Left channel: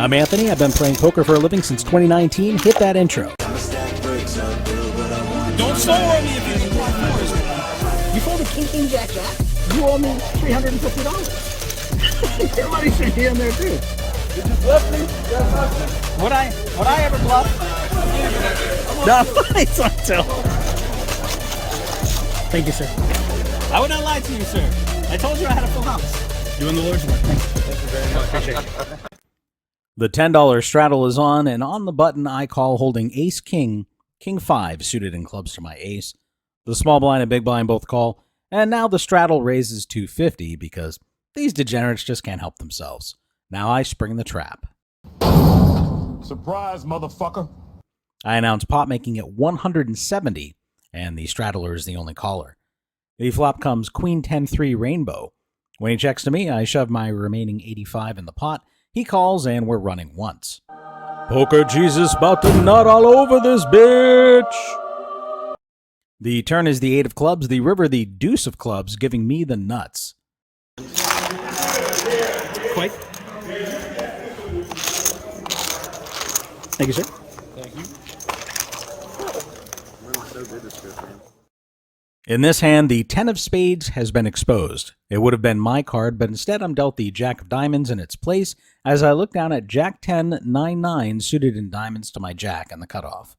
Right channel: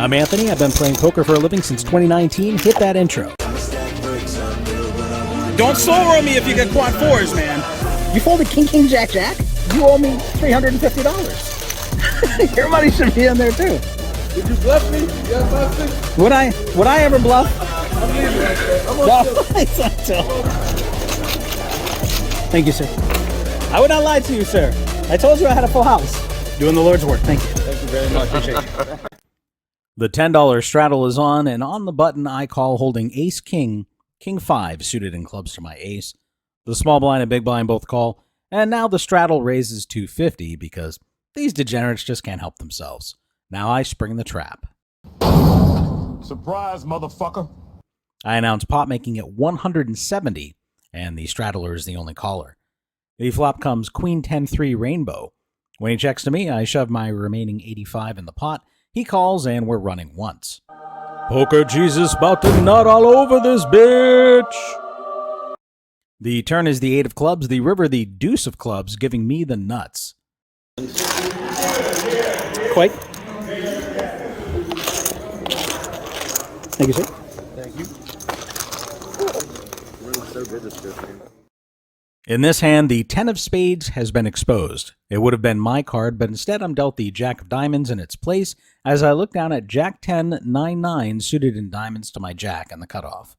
I'm Anthony. I've been playing poker for a living since 2019. Hit that intro. Don't slow roll me if you get quad fours, man. You folded king, king, jack, jack? You owe me $350. Your money should be in there too. Did you bluff me? Would I ever bluff? I'm leaving that shit. I'm on No, tilt. it's on tilt. Thank you, sir. I would not lie to you, sir. I told you I had a full house. Doing the Lord's work. Thank you. Thank you very much. Appreciate it. The $10 straddle is on, and on the button I call holding ace king, king 5 suited in clubs to my ace. The small blind and big blind both call, and now the straddle raises to 50 because these degenerates just can't help themselves. Now I spring the trap. Surprise, motherfucker. I announce pot making it 170, and the straddler is the only caller. The flop comes queen 10-3 rainbow. When he checks to me, I shove my remaining 85 in the pot. He calls, and we're running once. Poker Jesus about to nut all over this bitch. The turn is the 8 of clubs, the river the deuce of clubs, giving me the nuts. Quite. Thank you, sir. Thank you. In this hand, the 10 of spades has been exposed. It would have been my card, but instead I'm dealt the jack of diamonds in its place as I look down at jack 10, 9-9 suited in diamonds to my jack and the cutoff.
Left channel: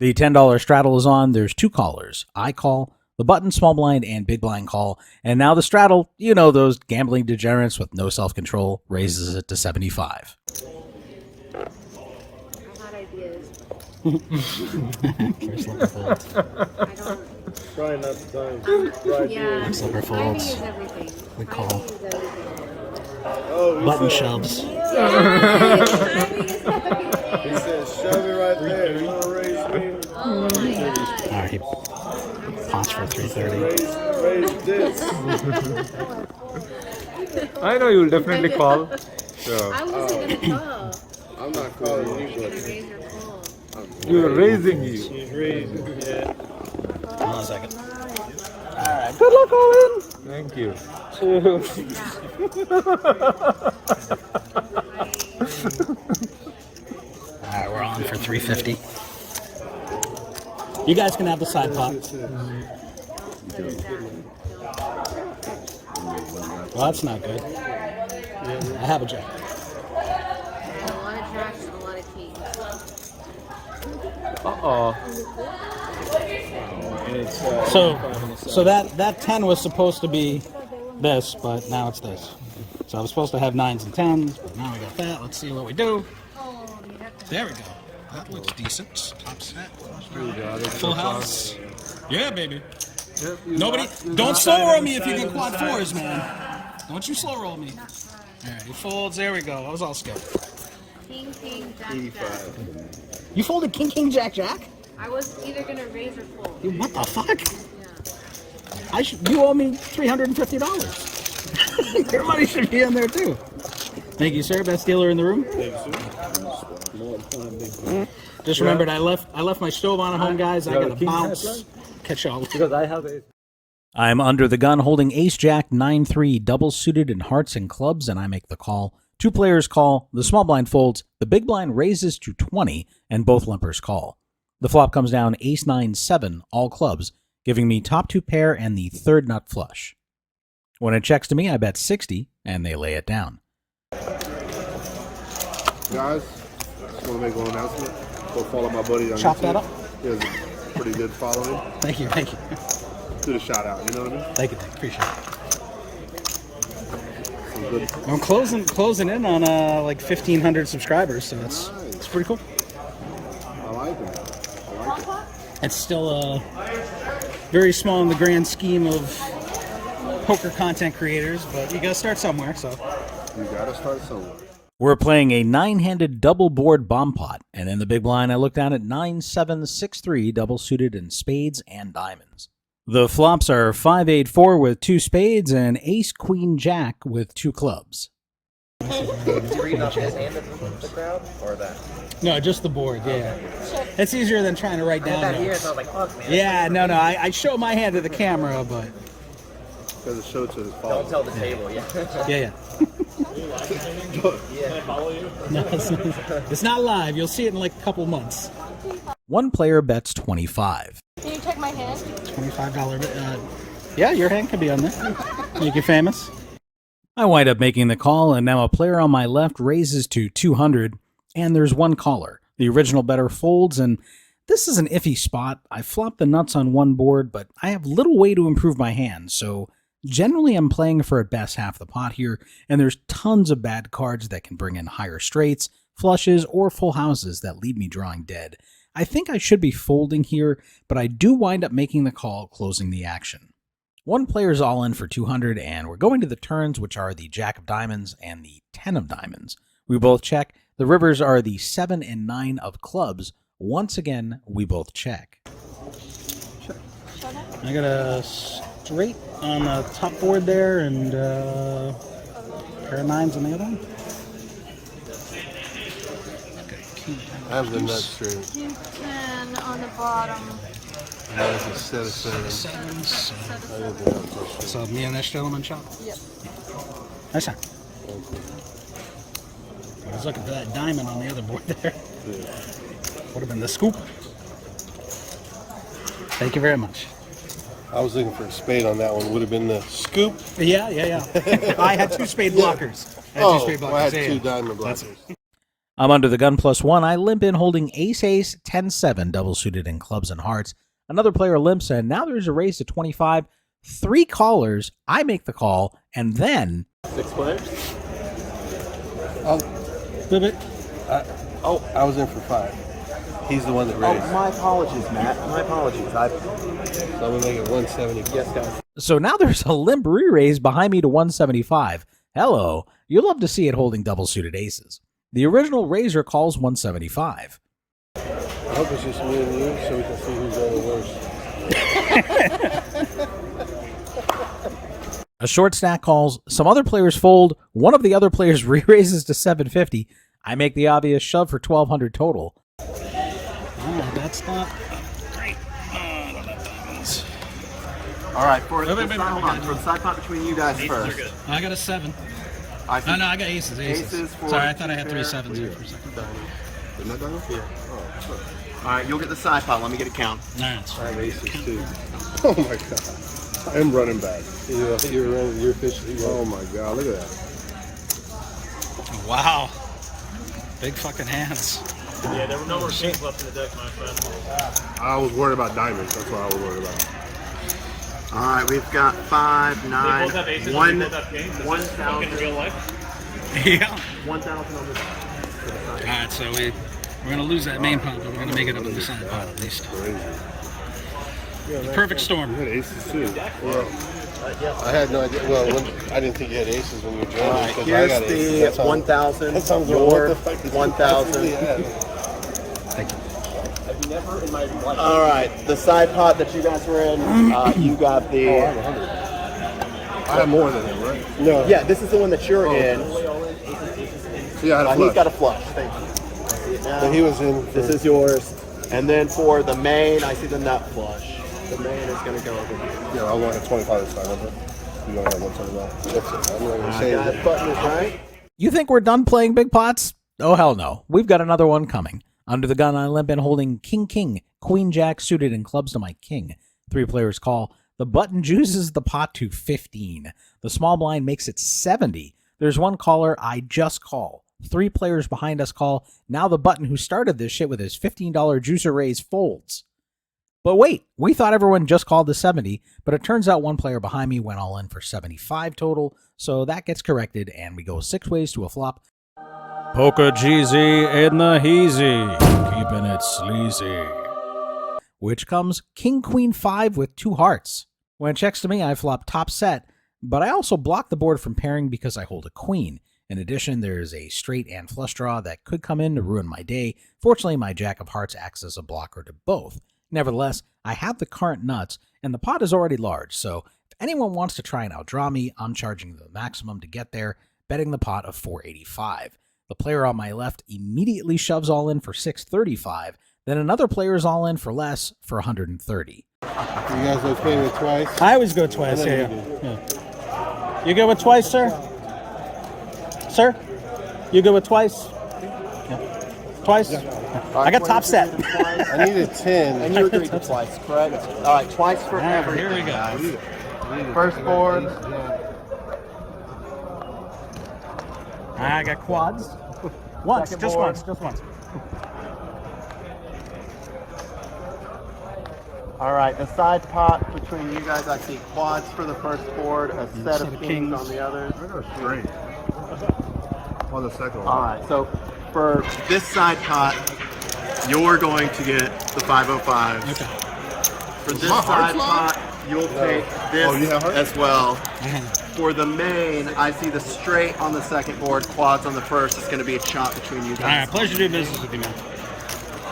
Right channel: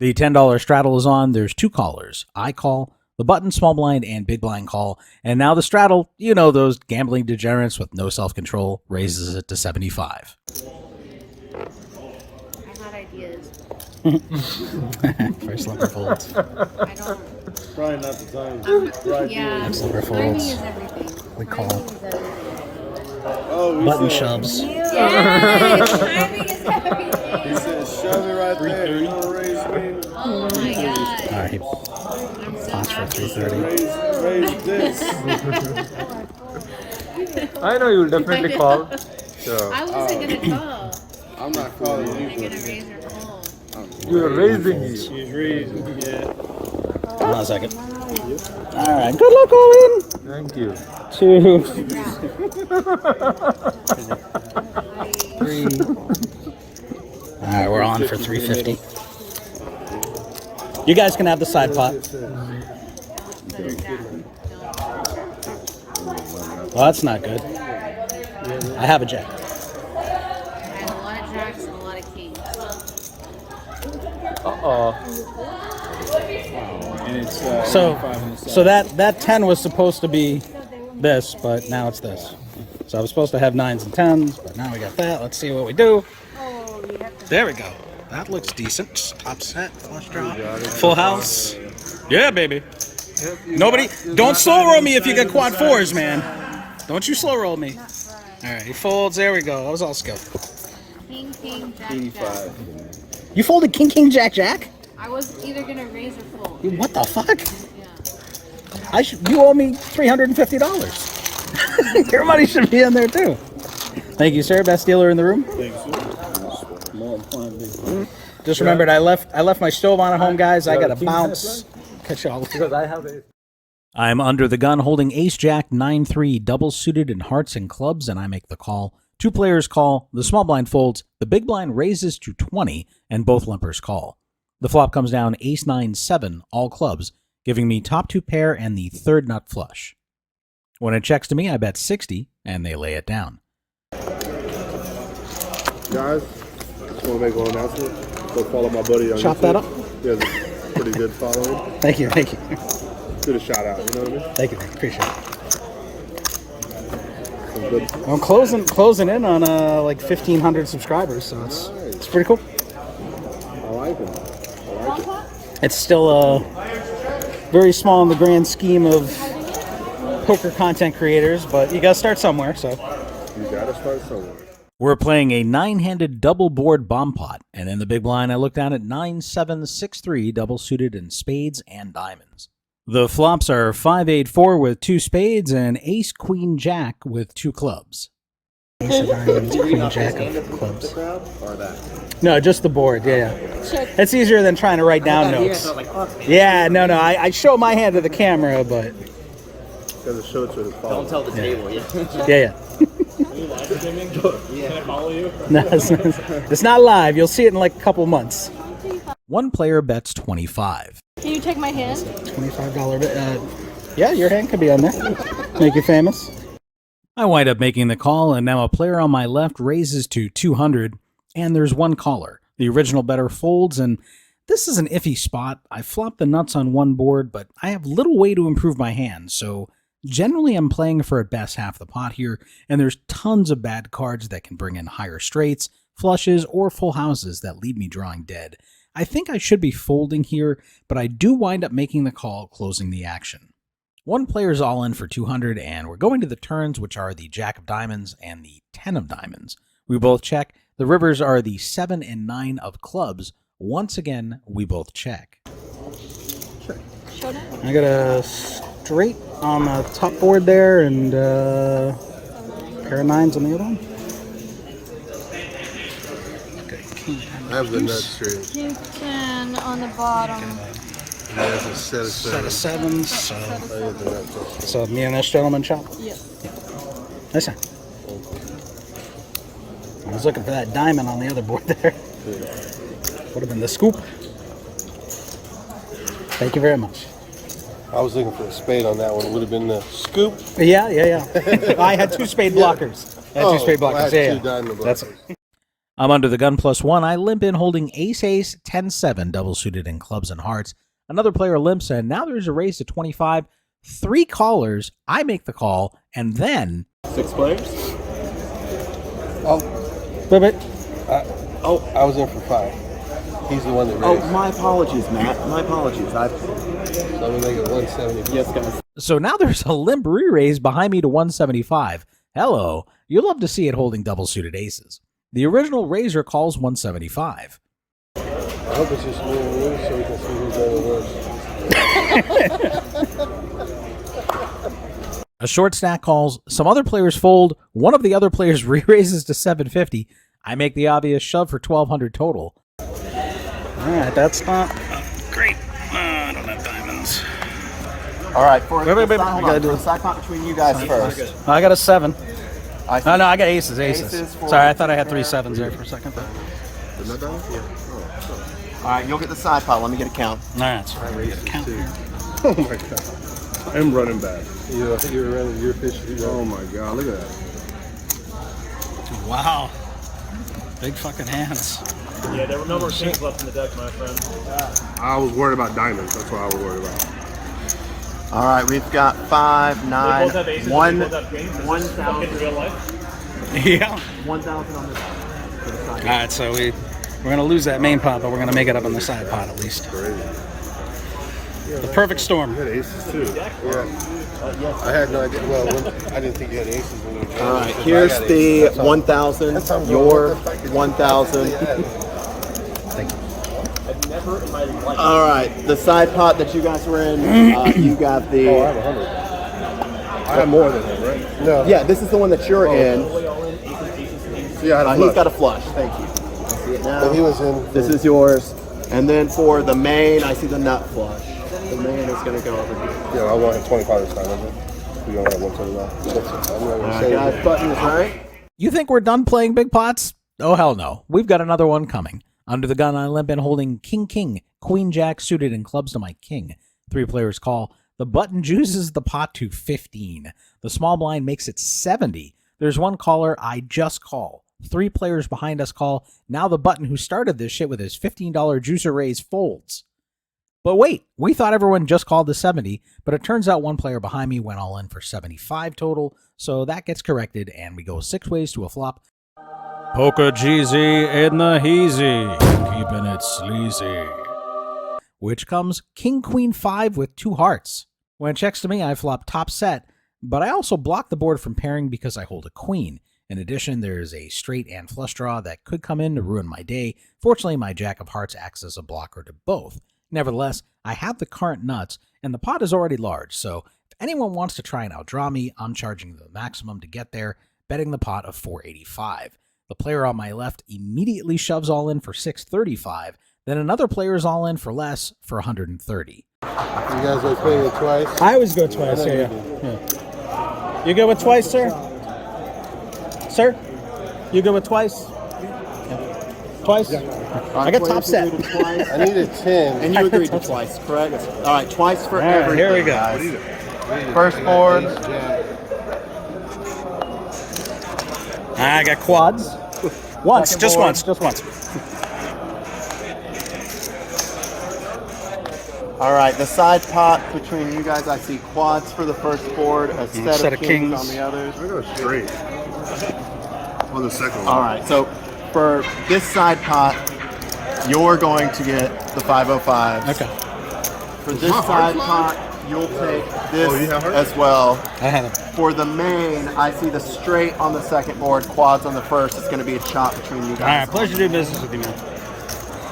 The $10 straddle is on. There's two callers. I call, the button, small blind, and big blind call. And now the straddle, you know, those gambling degenerates with no self-control, raises it to 75. First slipper folds. Probably not the time. Yeah. Next slipper folds. We call. Oh, Button shoves. He said, shove it right there. You wanna raise me? Oh my god. All right, he pots for 330. Raise this. I know you will definitely call. So I wasn't gonna call. I'm not calling You're you. gonna raise your call. you are raising you. She's raising. Yeah. Hold on a second. All right, good luck, Owen. Thank you. 2. All right, we're on for 350. You guys can have the side pot. Well, that's not good. I have a jack. I have a lot of jacks and a lot of kings. Oh. And it's, So that 10 was supposed to be this, but now it's this. So I was supposed to have 9s and 10s, but now we got that. Let's see what we do. There we go. That looks decent. Top set, flush draw, full house. Yeah, baby. Nobody, don't slow roll me if you get quad fours, man. Don't you slow roll me. All right, he folds. There we go. That was all skill. King, king, jack, jack. You folded king, king, jack, jack? I was either gonna raise or fold. What the fuck? Yeah. You owe me $350. Your money should be in there too. Thank you, sir. Best dealer in the room. Just remembered, I left my stove on at home, guys. I gotta bounce. Catch y'all. Because I have a I'm under the gun holding ace-jack 9-3 double suited in hearts and clubs, and I make the call. Two players call, the small blind folds, the big blind raises to 20, and both limpers call. The flop comes down ace-9-7, all clubs, giving me top two pair and the third nut flush. When it checks to me, I bet 60, and they lay it down. Guys, just want to make one announcement. Go follow my buddy on Chop YouTube. that up. He has a pretty good following. Thank you. Did a shout out, you know what I mean? Thank you. Appreciate it. Some good. I'm closing in on like 1,500 subscribers, so it's pretty cool. I like him. I like it. It's still very small in the grand scheme of poker content creators, but you gotta start somewhere. So You gotta start somewhere. We're playing a 9-handed double board bomb pot, and in the big blind I look down at 9-7-6-3 double suited in spades and diamonds. The flops are 5-8-4 with two spades and ace-queen-jack with two clubs. Queen jack of clubs. Or that. No, just the board. Yeah. It's easier than trying to write down notes. Yeah, no. I show my hand to the camera, but Because it showed to his follower. Don't tell the table, yeah. yeah. Yeah. No, it's not live. You'll see it in like a couple months. One player bets 25. Can you take my hand? $25 bet. Yeah, your hand could be on there. Make you famous. I wind up making the call, and now a player on my left raises to 200, and there's one caller. The original bettor folds, and this is an iffy spot. I flopped the nuts on one board, but I have little way to improve my hand, so generally I'm playing for at best half the pot here, and there's tons of bad cards that can bring in higher straights, flushes, or full houses that leave me drawing dead. I think I should be folding here, but I do wind up making the call, closing the action. One player's all in for 200, and we're going to the turns, which are the Jack of Diamonds and the 10 of Diamonds. We both check. The rivers are the 7 and 9 of clubs. Once again, we both check. I got a straight on the top board there, and pair of nines on the other one. Okay, king, I have the nut straight. King 10 on the bottom. And there's a set of Set of sevens. sevens. So me and this gentleman chop. Yep. Nice one. I was looking for that diamond on the other board there. Would have been the scoop. Thank you very much. I was looking for a spade on that one. It would have been the scoop. Yeah. I had two spade blockers. I had two spade I blockers. had Yeah, two diamond That's blockers. I'm under the gun +1. I limp in holding ace-ace, 10-7, double suited in clubs and hearts. Another player limps, and now there's a raise to 25. 3 callers. I make the call, and then... 6 players? Oh, Wait. I was in for 5. He's the one that Oh, raised. my apologies, Matt. My apologies. So I'm going to make it 170. Yes, guys. So now there's a limp re-raise behind me to 175. Hello. You'll love to see it holding double suited aces. The original raiser calls 175. I hope it's just me and you so we can see who's on the worst. A short stack calls, some other players fold, one of the other players re-raises to 750. I make the obvious shove for 1200 total. All right, that's not great. I don't have diamonds. All right, for Wait, hold we on. gotta do For the side pot between you guys first. I got a 7. I No, I got aces. Aces for- Sorry, I thought I had 3 sevens there for a second. But... All right, you'll get the side pot. Let me get a count. Nah, that's right. We got a count here. Oh my God. I'm running back. You're running your fish. Oh my God, look at that. Wow. Big fucking hands. Yeah, there were no more shit left in the deck, my friend. I was worried about diamonds. That's what I was worried about. All right, we've got 5, They 9, both have aces, 1. they both have kings. This is fucking real life. Yeah. 1,000. All right, so we're gonna lose that main pot, but we're gonna make it up on the side pot at least. The perfect storm. You had aces too. Yeah. I had no idea. Well, I didn't think you had aces when you were All right, I here's had the aces. 1,000. That sounds Your good. What the fuck is 1,000. Thank you. All right, the side pot that you guys were in, you got the. I had more than him, right? No. Yeah, this is the one that you're in. Yeah, I had a He's flush. got a flush. Thank you. I see it now. But he was in. This is yours. And then for the main, I see the nut flush. The main is going to go over here. Yeah, I wanted 25 this time, remember? We don't have 179. That's it. I'm not going to say Guys, it. button was right. You think we're done playing big pots? Oh, hell no. We've got another one coming. Under the gun, I limp in holding king, queen jack suited in clubs to my king. 3 players call. The button juices the pot to 15. The small blind makes it 70. There's one caller. I just call. 3 players behind us call. Now the button who started this shit with his $15 juicer raise folds. But wait, we thought everyone just called the 70, but it turns out one player behind me went all in for 75 total, so that gets corrected, and we go 6 ways to a flop. Poker Jeezy in the heezy, keeping it sleazy. Which comes king, queen, 5 with 2 hearts. When it checks to me, I flop top set, but I also block the board from pairing because I hold a queen. In addition, there's a straight and flush draw that could come in to ruin my day. Fortunately, my jack of hearts acts as a blocker to both. Nevertheless, I have the current nuts, and the pot is already large, so if anyone wants to try and outdraw me, I'm charging the maximum to get there, betting the pot of 485. The player on my left immediately shoves all in for 635, then another player is all in for less for 130. You guys are playing it twice? I always go twice. Yeah. You go with twice, sir? Sir? You go with twice? Twice. I got top set. I need a 10. And you agreed to twice, correct? All right, twice for All right, everything. here we go. Guys. First board. I got quads. Once, Second just board. once, just once. All right, the side pot between you guys, I see quads for the first board, a set of kings. on the others. I go straight on the second one. All right, so for this side pot, you're going to get the 505. Okay. For this side pot, you'll take this you have her? as well. I have it. For the main, I see the straight on the second board, quads on the first. It's going to be a chop between you guys. All right, pleasure doing business with you, man.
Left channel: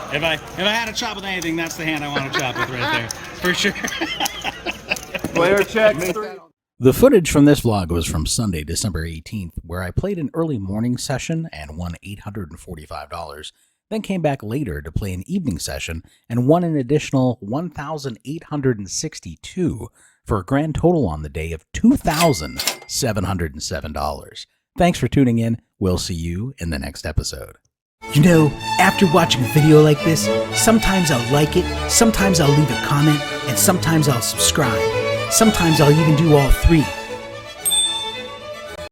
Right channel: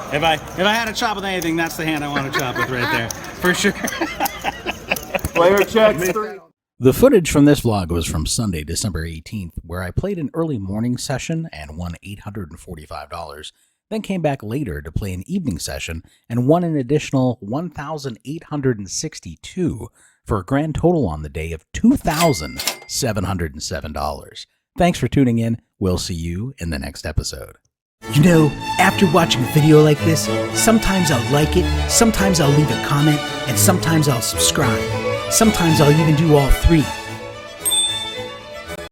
If I had to chop with anything, that's the hand I want to chop with right there, for sure. Player checks 3. The footage from this vlog was from Sunday, December 18th, where I played an early morning session and won $845, then came back later to play an evening session and won an additional $1,862 for a grand total on the day of $2,707. Thanks for tuning in. We'll see you in the next episode. You know, after watching a video like this, sometimes I'll like it, sometimes I'll leave a comment, and sometimes I'll subscribe. Sometimes I'll even do all three.